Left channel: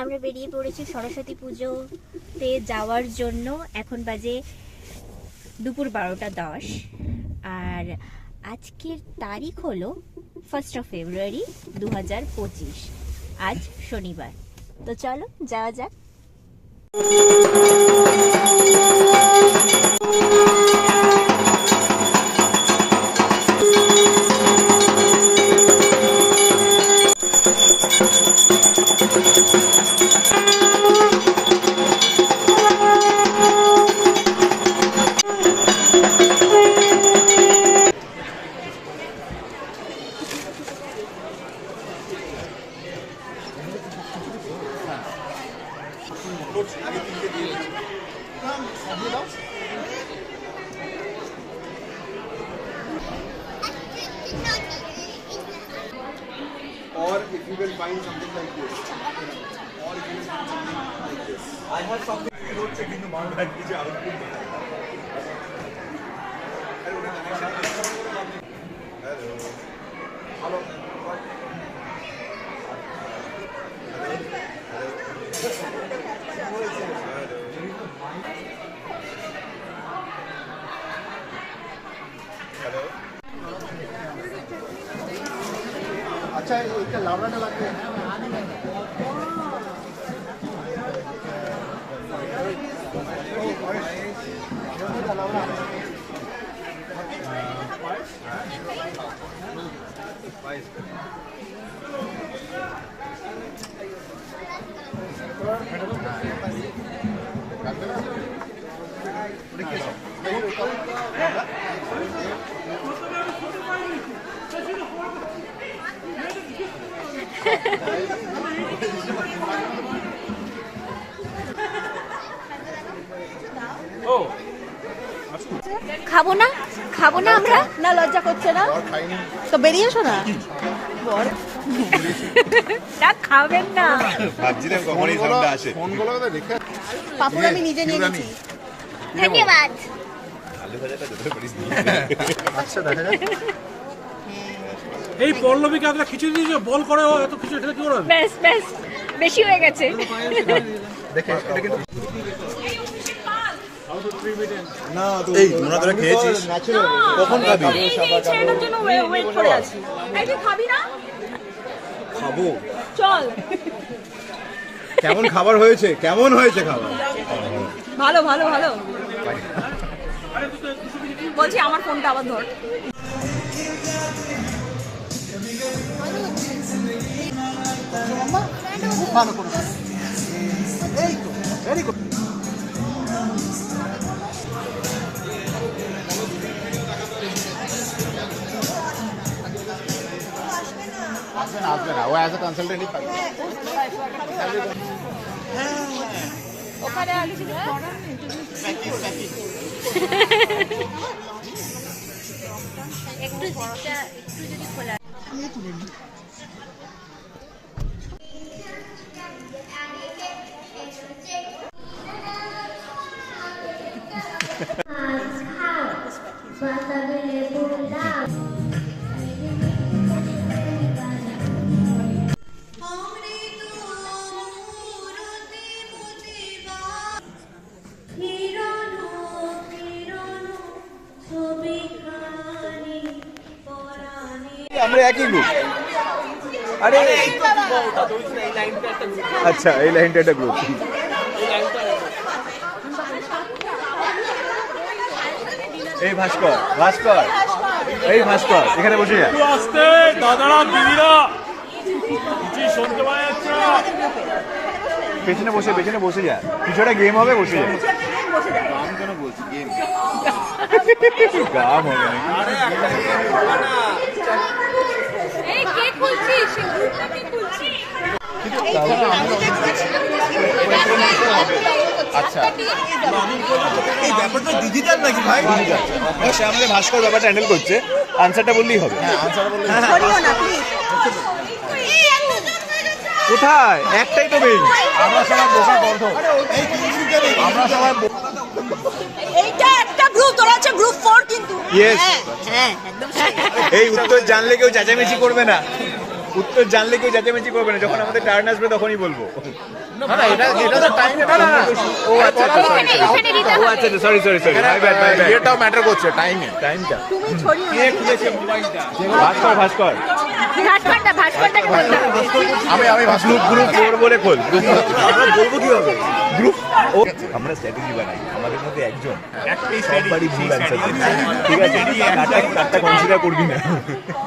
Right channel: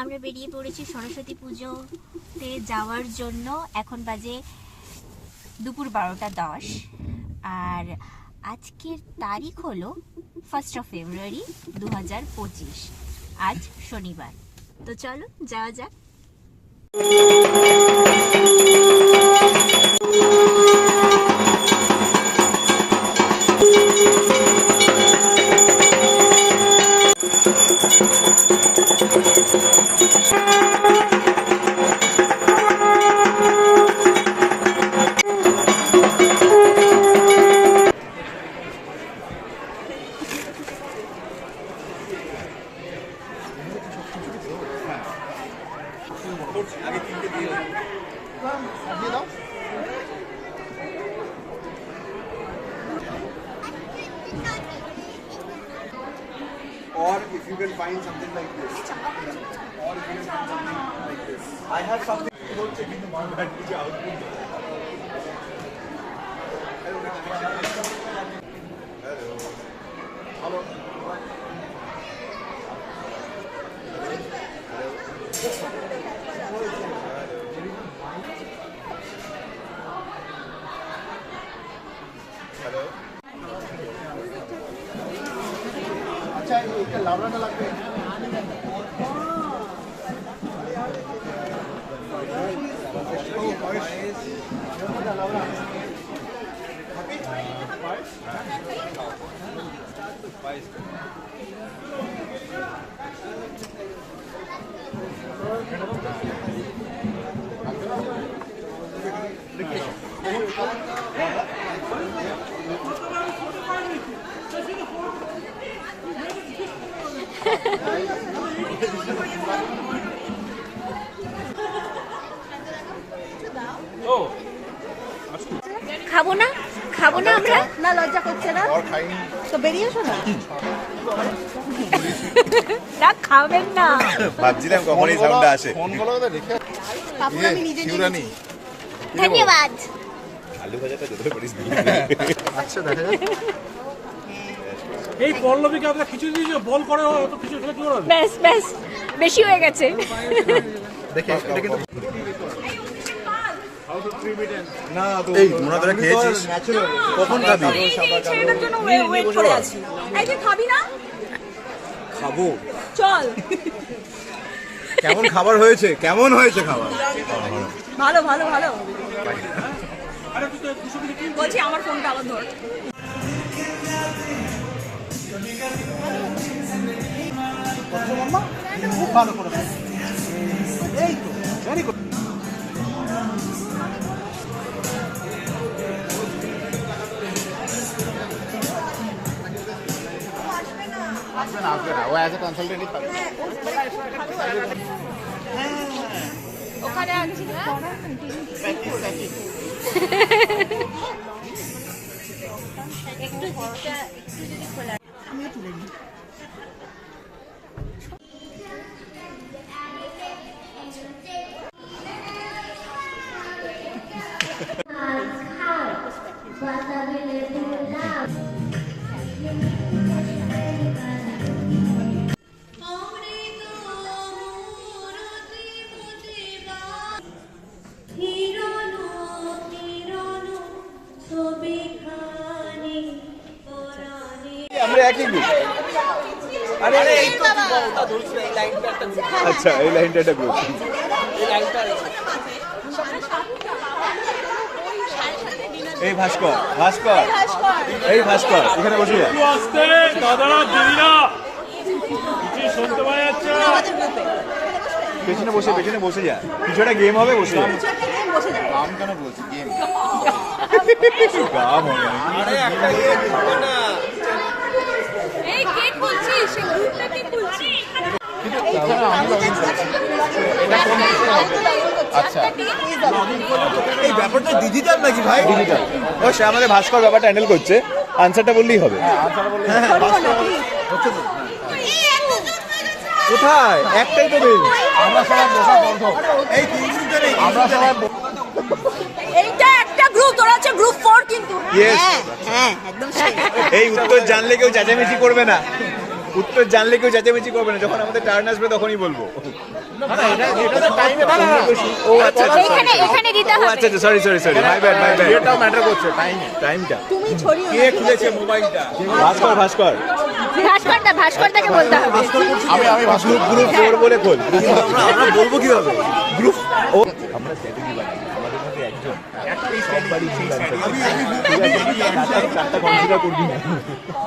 আমরা বেরিয়ে পড়েছি সরস্বতী পুজোতে যাওয়ার জন্য। এখন বাজে দুপুর 12:10 আর আজকের তারিখ হলো 1 ফেব্রুয়ারি 2025। আজ শনিবার। তো চলো যাওয়া যাক। Or if you can find something like this, or you can find something like this. I have something. Not checking the mark that is output. Hello. Hello. अच्छा एक लावड़ा का लगता है খাবো না আমরা না লজ্জা করছে না তো বেরিয়ে এসো না তা খাবেন না ভাবছিলাম কখনই সামনে আসে ফোনগুলো তো রেখে পাপড় আমি নিজে নিয়ে নিয়েছি ধন্যবাদ। আলু ভাজাটা যতটা পারিস আচ্ছা দেখা যাক এই পল্লবীকে আমরা খিচুড়ি দিয়েছি বল করে এত কিছু এটা কি করে ব্যাস বেশি হয়ে গেছে। দেখে এটা কিন্তু না তো এই তোমরা তোরা খেয়েছিস কখন খাবি সেটার জন্য ওয়েট করে আছি এই যে খাবি না খাবো চল কেমন খাবার হয়েছে কেমন হয়েছে খাবার ভালো ভালো ভালো বলছি আমার ফোনটা আবার ধর খুব ভালো করে এই তো ভেরি গুড ও অ্যাজ এ কনসালটেন্টই পাবে ওখানে আসছি না একটু যদি খোলা আমি তুলে নিই আমরা একই গ্রুপ আরে আচ্ছা এই লাইনটা একটা গ্রুপ এই ভাস্কর এই ভাস্কর এখানে বসে যা আস্তে দাদারা দিদিরা কিছু শুনতে পাওয়া যাচ্ছে পেছনে বসে যা কিছু একটা গেম হবে বসে যা গাম কেন বলছি গেম গাম হবে নাকি আচ্ছা ডিজিটাল নাকি ভাই সে আমাদের ভাস্কর ব্যাপারটা হ্যান্ডেল করছে আনসারটা বললেই হবে কোথায় একটাই তো নেই আমরা সবাই বসা বন্ধ আমরা সবাই এইটা একটা গ্রুপ তোরা হচ্ছে গ্রুপ 4 কিন্তু ইয়েস এই উত্তর জানলে কেউ চেঁচামেচি করবে না উত্তর জানলে কেউ চেঁচামেচি করবে না, যখন আমাদের টার্ন আসবে তখনই বলবো। না না, এটা তো টাইমে না, ও বলা না। আচ্ছা সরি মাই ব্যাড এটাও ম্যাটার করছে, টাইমটা। তুমি ছড়িয়ে কে খুলেছে মোবাইলটা? ভাস্কর ভাস্করদাকে বলতে হবে। আমি গ্রুপ 4 বলে খোল। বলবো কি হবে? গ্রুপ আমরা স্ট্র্যাটেজি বানাই, আমাদের মধ্যে একজন একটাই স্ট্র্যাটেজি, ঠিক আছে? একটা কনসিডার করবি না,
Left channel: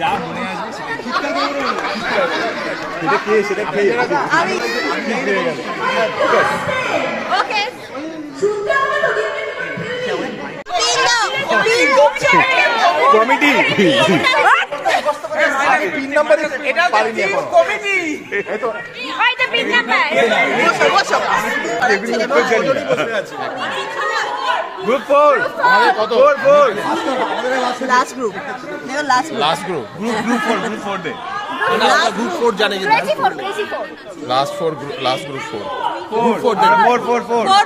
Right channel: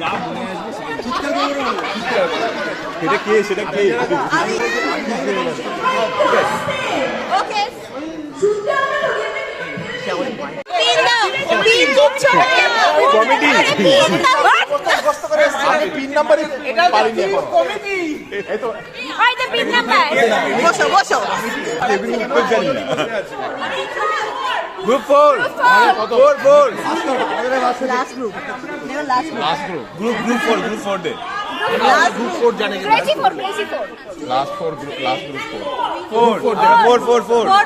যা মনে আসবে সেটা কে কমিটি 3 নম্বরে পারিনি এখন। উত্তর জানি না। গ্রুপ 4 লাস্ট গ্রুপ গ্রুপ 4 দে। গ্রুপ 4 জানে কি? Crazy four. লাস্ট গ্রুপ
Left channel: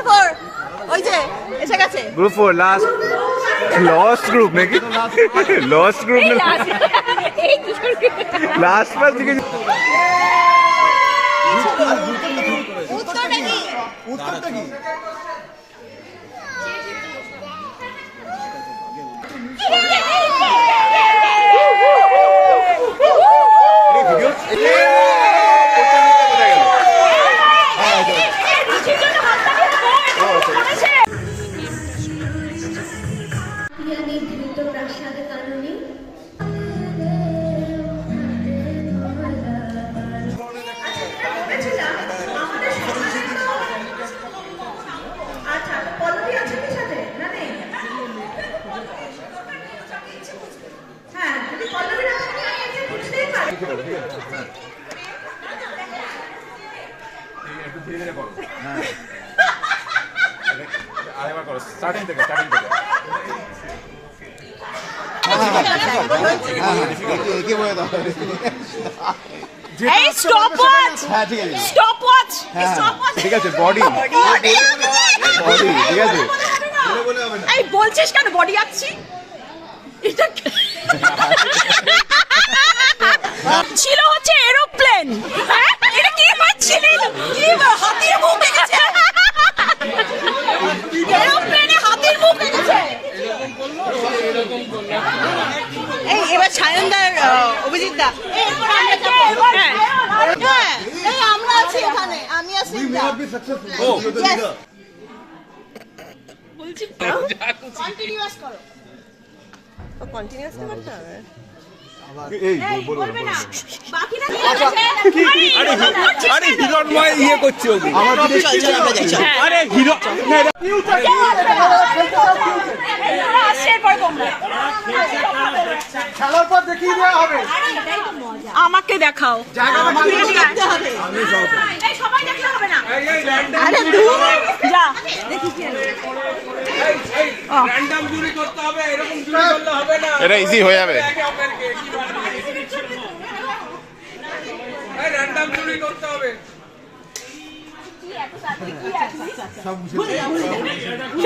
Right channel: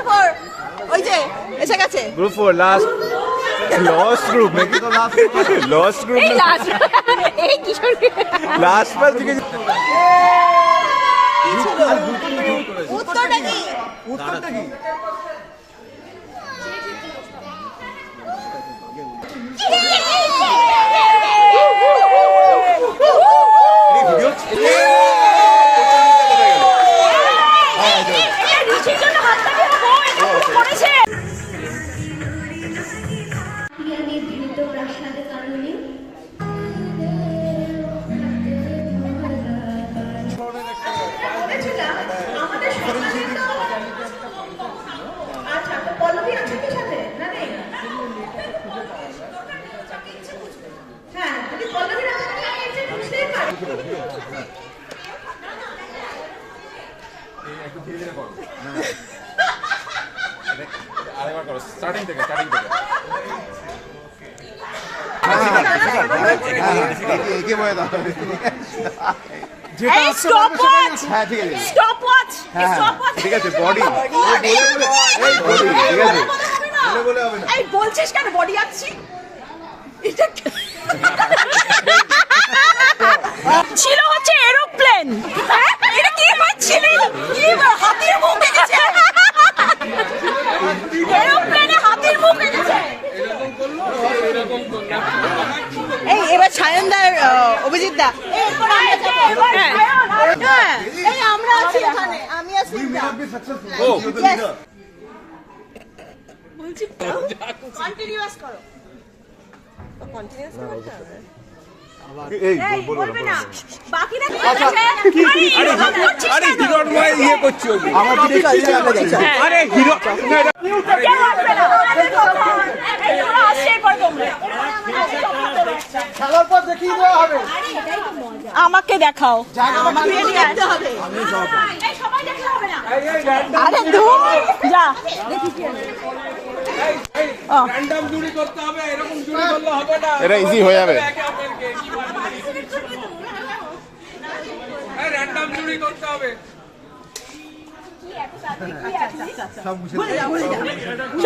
4 ওই যে এসে গেছে গ্রুপ 4 লস্ট গ্রুপ নাকি? লস্ট গ্রুপ না, এই কিশোর লাস্ট বার কি? উত্তরটা কি? আরেকবার করো, স্টার্টিং থেকে একে বলে দাও। ঠিক আছে, বডি ঠিক আছে। এই বলছিস কেন বডি আছি? ছিল হচ্ছে এরোপ্লেন। এটা কি হচ্ছিল? কি হাতির মুখ এসেছে? এরোপ্লেনে হাতির মুখ এসেছে। এই এবার ছায়নদার অভিজিৎ দা। এই আমরা আছি এখানে, আমি আছি। কন্টিনিউয়াস করো। কন্টিনিউয়াস করতে হবে। এই বলো বাকিরা আরে হিরো ইয়ে করছে আমার পিঠে আরে হিরো খেলার পর দেখিয়ে দেওয়া হবে। আমাকে দেখাও, আমাকে দেখতে হবে। এই সবাই দেখতে হবে না। আরে দূর যা দেখি কি র্যান্ডম জুরি করতে হবে, এরকম জুরি করলে হবে না। এটা ইজি হয়ে যাবে। র্যান্ডম জুরি করতে হবে।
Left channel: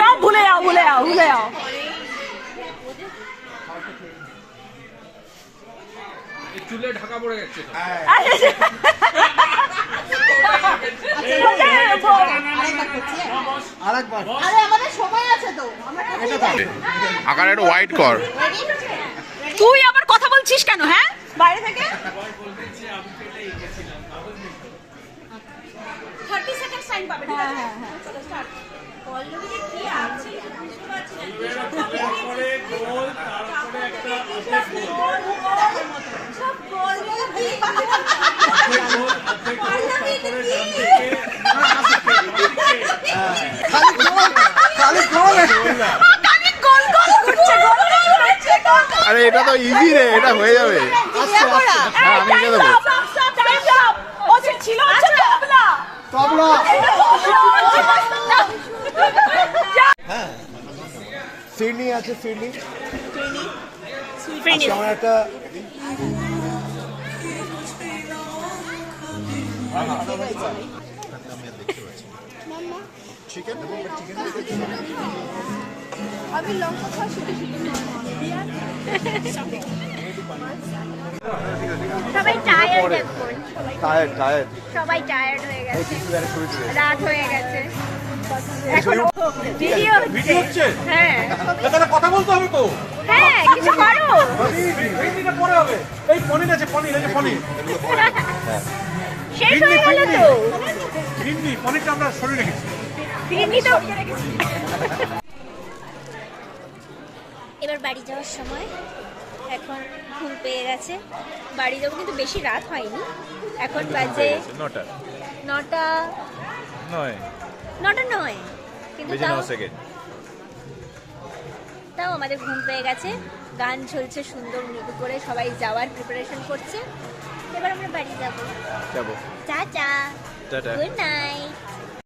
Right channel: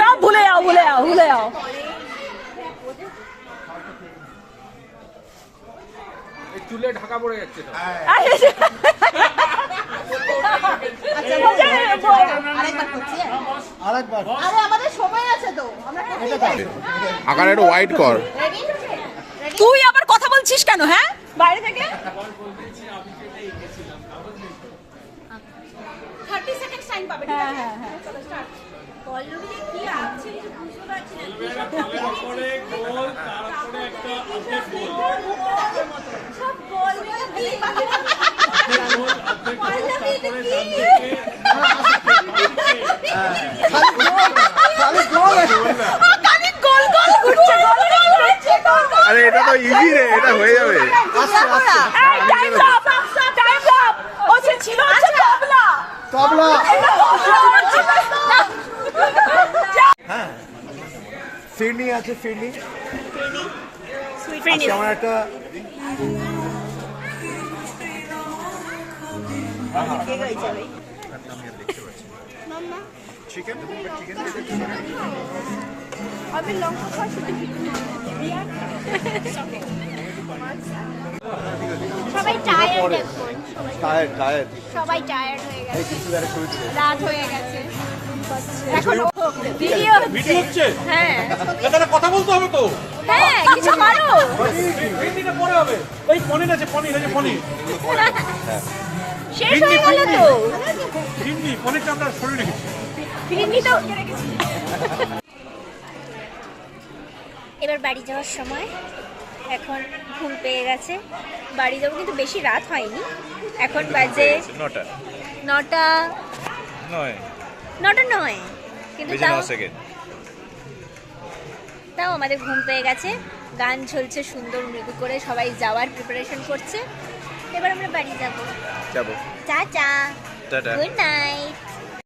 সব ভুলে যাও। চুলে ঢাকা পড়ে যাচ্ছে তো। আরে আমাদের সবাই আছে তো, আমরা আকার একটু ওয়াইড কর। তুই আবার কথা বলছিস কেন? হ্যাঁ, বাইরে থেকে 30 সেকেন্ড টাইম পাবে। হ্যাঁ চলো স্টার্ট। পল্লবীতে কি আছে বুঝতে পারছি না। তারপরে গোল, তারপরে একটা অর্ধেক গোল। সব গোল দিয়ে গোল অর্ধেক গোল, তারপরে ডান থেকে খালি গোল না। আরে এটা তো ইজি রে, এটা হয়ে যাবে। হ্যাঁ, আমি কে দেবো? তবলা। হ্যাঁ, ফিরনি আছে, ফিরনি। আজকে আমার একটা চিকেন আমি লঙ্কা খাওয়া শুরু সবাই টায়ার্ড টায়ার্ড এখন টায়ার্ড সবাই টায়ার্ড হয়ে গেছে রাত হয়ে গেছে এখন ভিডিও হচ্ছে হ্যাঁ তাহলে কথা বলতে হবে তো হ্যাঁ কিছু করো এইদিকে পরে হবে এই পনির আছে পনির এই যে পনির শেষ হয়ে গেল তো হিন্দি পনিরটা আমরা সরিয়ে রেখেছি ফিরিনি তো এবার বাড়ি যাওয়ার সময় এখন ঘুম পেয়ে গেছে বাড়ি যাবো কিন্তু বেশি রাত হয়নি এখন বাজে 9টা নয় কিন্তু তাও আমাদের ঘুম পেয়ে গেছে গান চলছে সুন্দর মৃদু করে সবাই যাওয়ার প্রিপারেশন করছে এবার আমরা বাড়ি যাবো যাবো টাটা টাটা গুড নাইট